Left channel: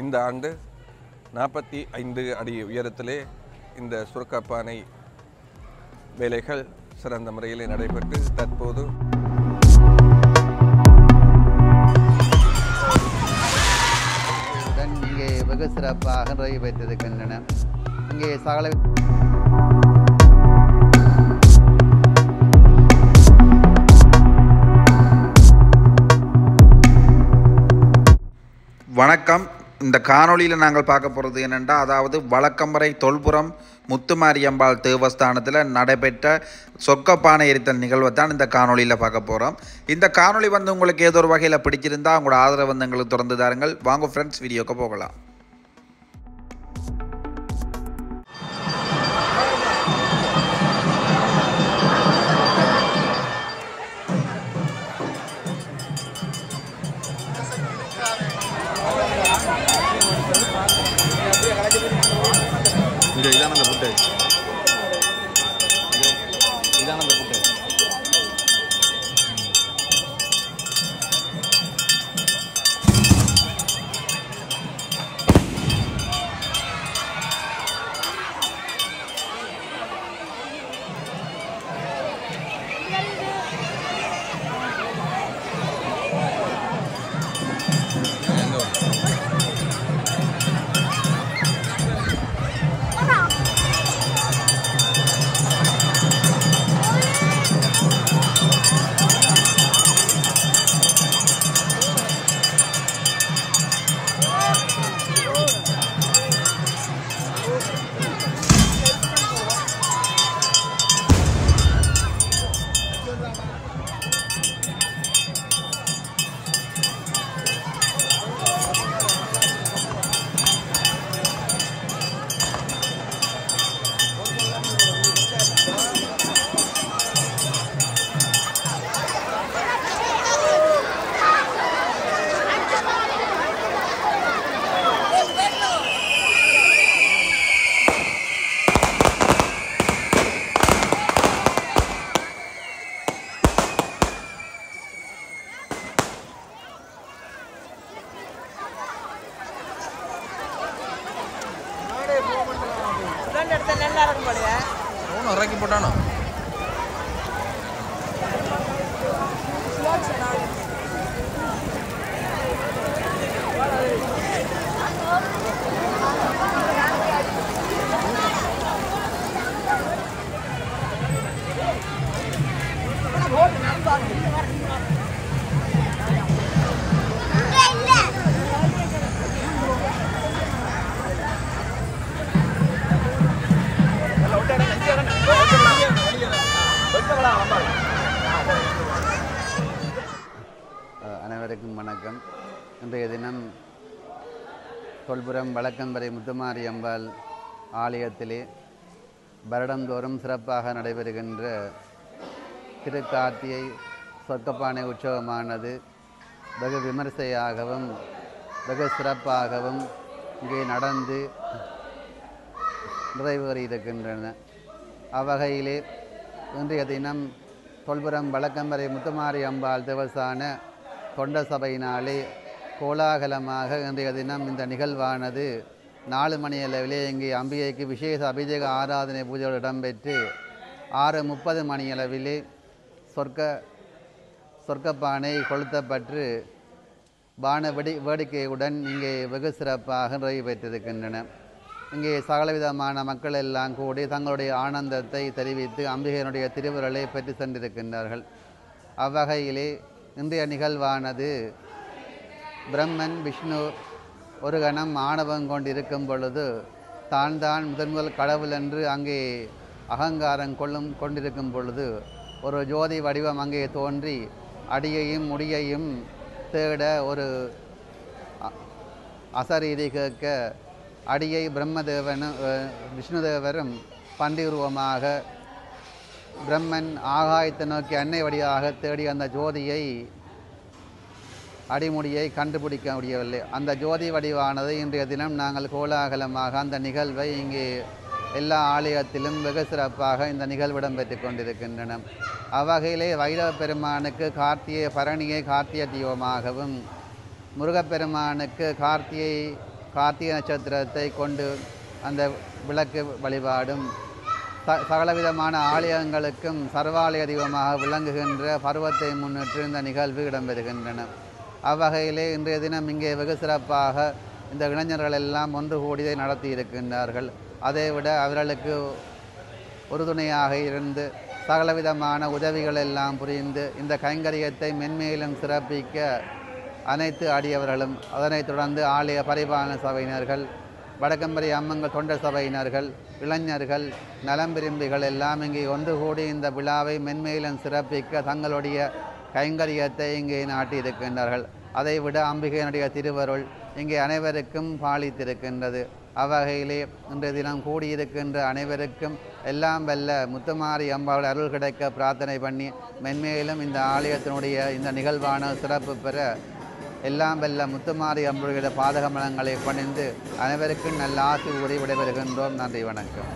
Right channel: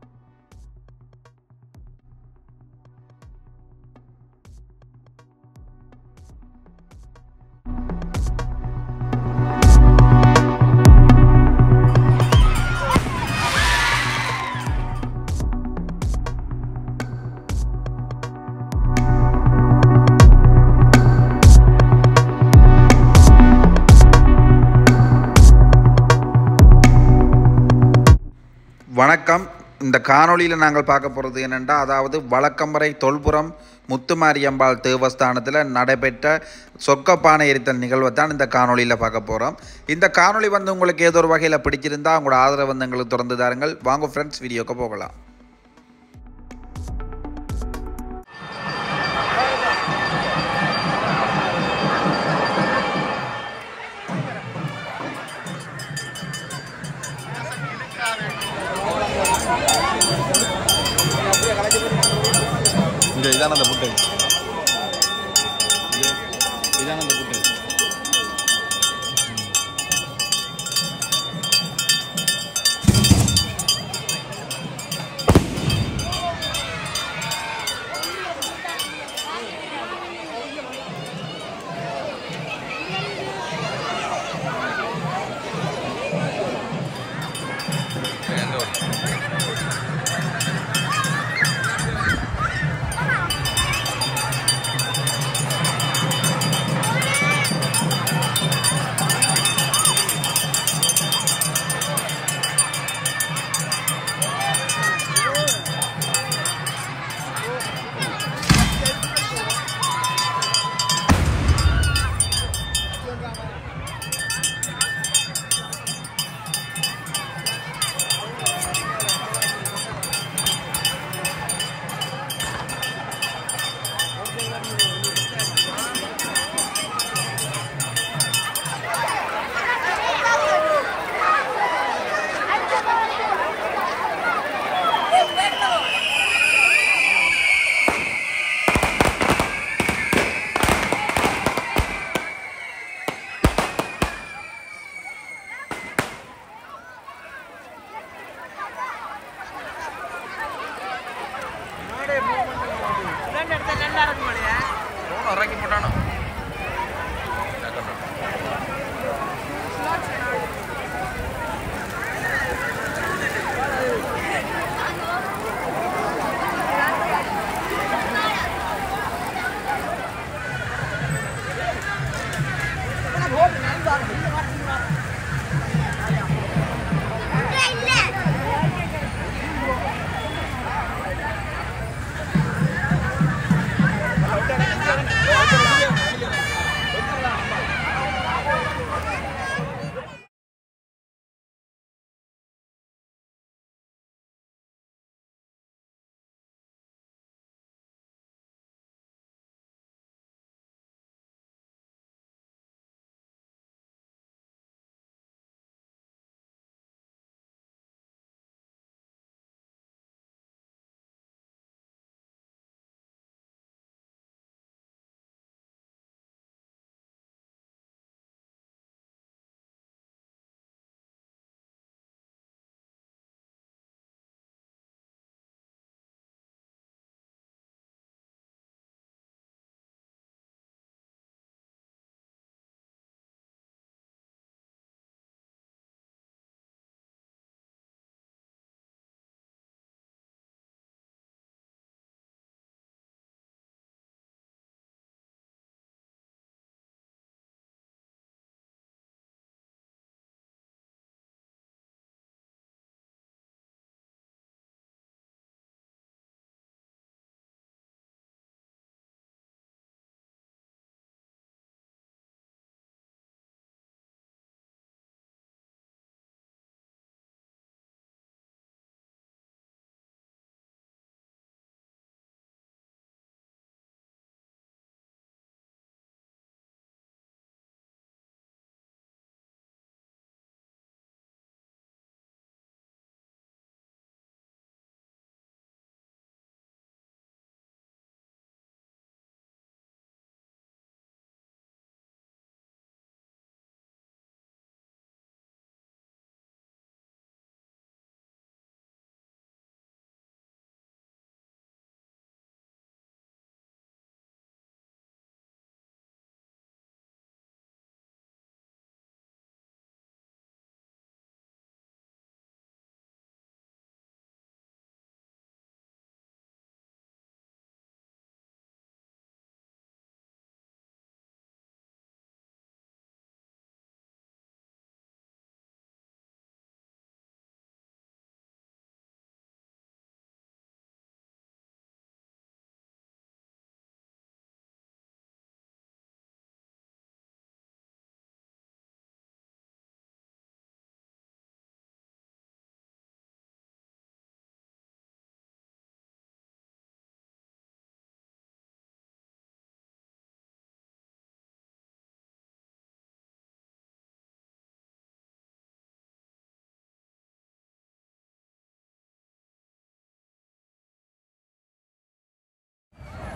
இந்த ஆண்டு 45 அடி உயரத்திலே இந்த சுரக்கப்பானை வேலைகள் சிறந்த முறையில் நடைபெற்று தற்போது இங்கே வெகு சிறப்பாக நிறைவேற்றிருக்கின்றன. இங்கே சகல வணக்கம். இந்த காணொளியில் நாங்கள் பார்க்க போகிறது என்னென்னா, அதாவது வழக்கம்பறை தொல்புரம் முத்துமாரியம்பாள் தேவஸ்தானத்தில் நடைபெற்ற சொக்கப்பானை எரித்தல் நிகழ்வை தான் இந்த காணொளியில் பார்க்க போகிறோம். இந்த காணொளி உங்களுக்கு ஏதோ ஒரு வகையில் பிடிச்சிருந்தால் உங்களோட ஆதரவு எங்களுக்கு தொடர்ந்து தாருங்கள். வாங்க ஃப்ரெண்ட்ஸ், வீடியோக்கு போகலாம். இதான அந்த புட்டு, இதான அந்த புட்டு. இறக்கி போட்டானோ அனைவருக்கும் வணக்கம். இன்றைய தினம் தொல்புரம் வழக்கம்பறை முத்துமாரியம்பாள் ஆலயத்திலே வருடந்தோறும் சிறப்பாக நடைபெறுகின்ற திருக்கார்த்திகை சொர்க்கப்பானை உற்சவமானது வெகு விமரிசையாகவும் வெகு சிறப்பாகவும் இங்கே நடந்து நிறைவேறியிருக்கின்றன. அவ்வகையிலே இன்றைய தினம் தொல்புரம் வழக்கம்பறை முத்துமாரியம்பாள் தேவஸ்தான தொண்ட சபையினாலே கோலாகலமாக இன்றைய தினம் இந்த நிகழ்வானது 4 மணி அளவிலே இங்கே அம்பிகைக்கு விசேஷ அபிஷேக ஆராதனை பூஜைகள் இடம்பெற்று 6:30 மணி அளவிலே சொர்க்கப்பானை கொளுத்தப்பட்டு வான வேடிக்கையுடன் இங்கே வெகு சிறப்பாக நிறைவேற்றிருக்கின்றன. இங்கே சகலவிதமான மக்கள் எல்லாம் கூடி தங்களுடைய ஆனந்தத்தை தெரிவித்து அம்பிகையினுடைய திருவுருளை பெற்று சென்றிருக்கின்றார்கள். அவ்வகையிலே இன்றைய நிகழ்வானது பிரம்மன் விஷ்ணு ஒரு கணம் ஆணவம் கொண்டிருக்கும் பொழுது தான் முதல் கடவுள் என்று அங்கே அகங்காரம் கொண்டிருக்கும் பொழுது ஒரு ஜோதி வடிவம் அங்கே தோன்றி அடியையும் முடியையும் தேட ஒரு அசரீதி கேட்க அடியை பிரம்மதேவனும் விஷ்ணுதேவரும் பண்டி உருவமாக பிரம்மன் ஆகாயத்தை நோக்கி அன்னை வடிவாக தேடி அந்த ஜோதியை அடிமுடியை கண்டுபிடிக்க முடியவில்லை. அந்த ஜோதி வடிவானது இன்றைய தினம் நாங்கள் கோலாகலமாக அந்த நிகழ்வை இங்கே எல்லா ஆலயத்திலும் வெகு சிறப்பாக இந்த நிகழ்விடம் பெற்று கொண்டிருக்கின்றன. அவ்வகையிலே வைரவ பெருமானுக்கு கார்த்திகை பரணியை கார்த்திகை தீபமாகவும், முருகப்பெருமானுக்கு கார்த்திகை கார்த்திகை நட்சத்திரத்தை கொண்டு அந்த விளக்கு வழிபாடும் சகலவிதமான ஆலயங்களுக்கும் சர்வாலய தெய்வமாக விளங்குகின்ற பருவத்தை முன்னிட்டு இந்த நிகழ்வு இடம்பெறுகின்றன. அவ்வகையிலே இன்றைய தினம் இங்கே வெகு சிறப்பாக இந்த இளைஞர்கள் எல்லாம் ஒன்று கூடி நடத்தி இருக்கின்றார்கள். அதைவிட அவர்களுக்கு உறுதுணையாக இருந்து சகலவிதமான உதவிகள் எல்லாம் புரிந்து இந்த கைங்கரியத்தை மென்மேலும் சிறப்பிக்க அனைத்து அடியவர்களும், அதனைத் தொடர்ந்து ஆலய பரிபாலன சபையினர்கள், வடக்கம்பரி அம்மங்கள் தொண்டர் சபையினர்கள், இளைஞர்கள், நலம் விரும்பிகள் எல்லாம் இங்கே ஒன்று கூடி இந்த விழாவை மென்மேலும் சிறப்பிக்க தங்களுடைய கைங்கரியத்தை இங்கே நாட்டியிருக்கின்றார்கள். அதைவிட அம்பிகையினுடைய திருவருள் இங்கே அனைவருக்கும் பாலித்திருக்கின்றது. அவ்வகையிலே இன்றைய தினம் கூடியிருக்கின்ற அனைவருக்கும் எல்லாம் வல்ல முத்துமாரி அம்பாள் அருள் கிடைக்க பிரார்த்தனை பண்ணி மென்மேலும் இந்த ஆலயத்தினுடைய இந்த நிகழ்வான சிறப்பு பெற எல்லாம் வல்ல முத்துமாரி அம்பாளுடைய பாதக மலங்களை பணிந்து அனைவருக்கும் நல்ல ஆசி கூறி விடைபெறுகின்றோம். நன்றி, வணக்கம்.